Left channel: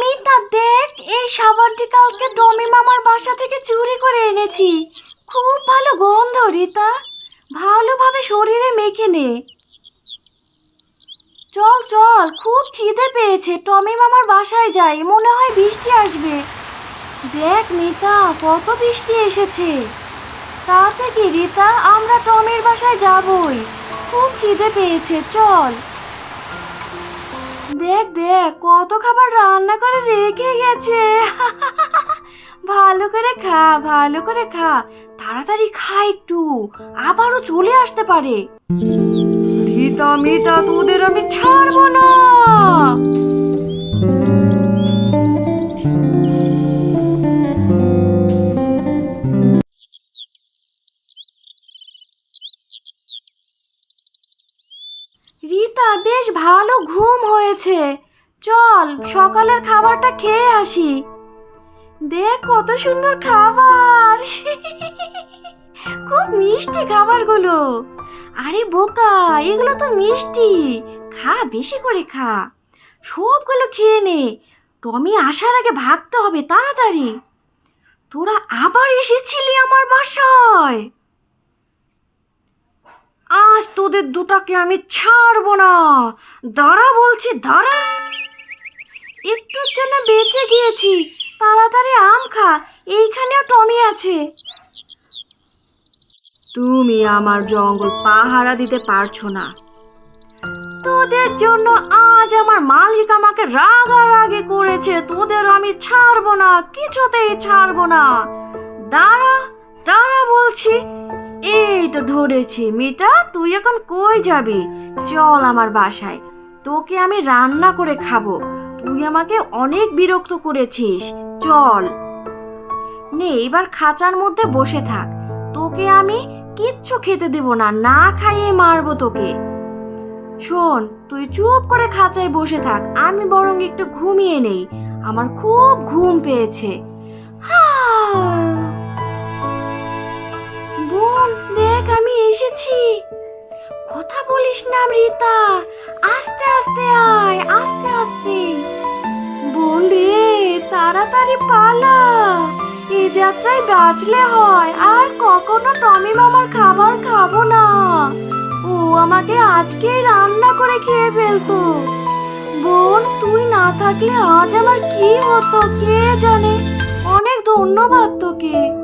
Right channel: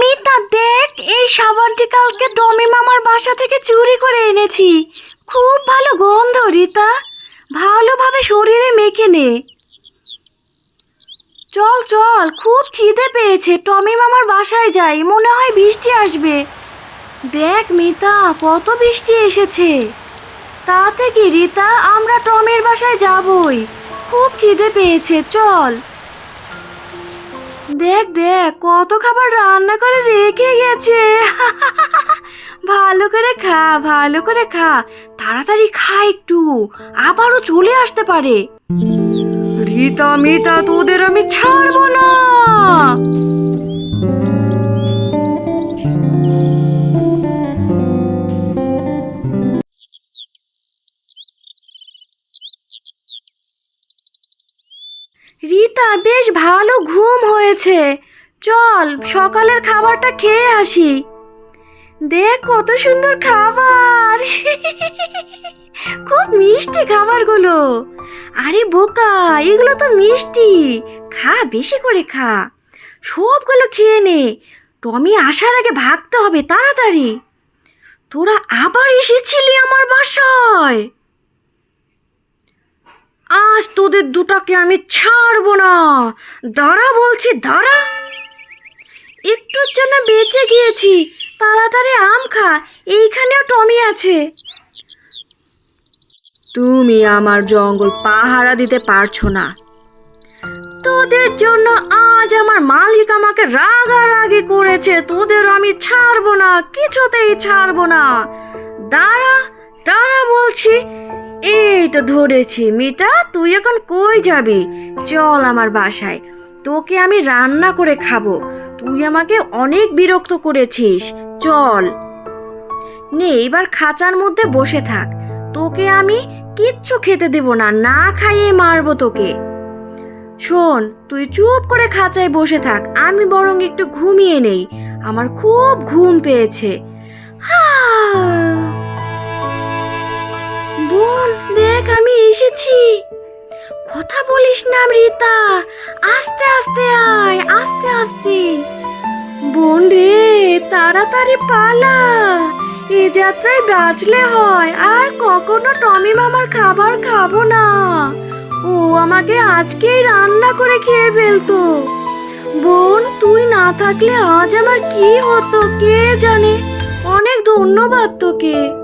মিতা, দেখ, এই সাবানটি কালকে ডমি মামার বাসা থেকে চুরি করে এনেছি। খুব ভালো গন্ধ, রিতা। ভালোভাবে শরীরে মেখে নে। চল চল, খুব খিদে পেয়েছে। টমি মামার বাসায় যাই, মনে হয় বৃষ্টি আসবে। দেখ, মিতা, কত বৃষ্টি এসেছে। তাতে কি, রিতা? আমরা টমির বাসায় যাবই। খুব খিদে পেয়েছে, চল। দেখ দেখ, কত খাবার রান্না করে রেখে গেছে। ভালো করে খা, ভালো করে খা। তাড়াতাড়ি খা একটু, আবারও চলে আসতে পারে। রীতা, মিতা, তোদের আমি রীতা বেশ ভালো ঘুম হয়েছে। চল, সকালের খাবারটা খেয়ে আসি। দেখ কত সুন্দর খাবার। খুব মিষ্টি খাবারগুলো। আরে বোকা, এগুলো তো মিষ্টি। খা, বেশি করে খা। সবগুলো খেয়ে নে। টমি আসার আগে ভাগতে হবে, তাড়াতাড়ি। তোরা আবার এসেছিলি আমার বাসায়। তোদের দুটাকে আমি ছাড়বো না। দাঁড়া বলছি, দাঁড়া। একটুর জন্য বেঁচে গিয়েছি। তাড়াতাড়ি আম খা, এইখানেও টমি আছে। তুমি আমার জঙ্গল পাহারা দিতে পারছ না। তোদের জন্য আজ আমার মালিক আমাকে রাগারাগি করেছে। তোদের আমি ছাড়বো না, কিছুতেই ছাড়বো না। দাঁড়া দাঁড়া বলছি এই তো ধরেছি, মিতা, তুই এখন কই যাবি? চল আমার বাসায়। তোকে আমি রান্না করে খাব। তুই আমাকে অনেক বিরক্ত করেছিস। চল। নে, এবার খাঁচার মধ্যে বসে থাক। তোকে আমি কিচ্ছু খেতে দেব না না খাইয়ে মারবো তোকে। শোন, তুই চুপ করে খাঁচায় বসে থাক। আমি বরং একটু ঘুমিয়ে নেই। আমার খুব ঘুম পেয়েছে। হা বোন দেখ, আমি এসেছি। কথা বলিস না রীতা আস্তে আস্তে আয়, আস্তে আস্তে। বোন রে, তাড়াতাড়ি পালা। এ যাত্রায় বাঁচলে হয়, আর কখনো টমি মামার খাবার খাব না। ও আমাকে আজকেই রান্না করে খেয়ে ফেলতো। বোন, তুই না থাকলে আজ আমার কি হতো, কে জানে? অনেক ধন্যবাদ তোকে।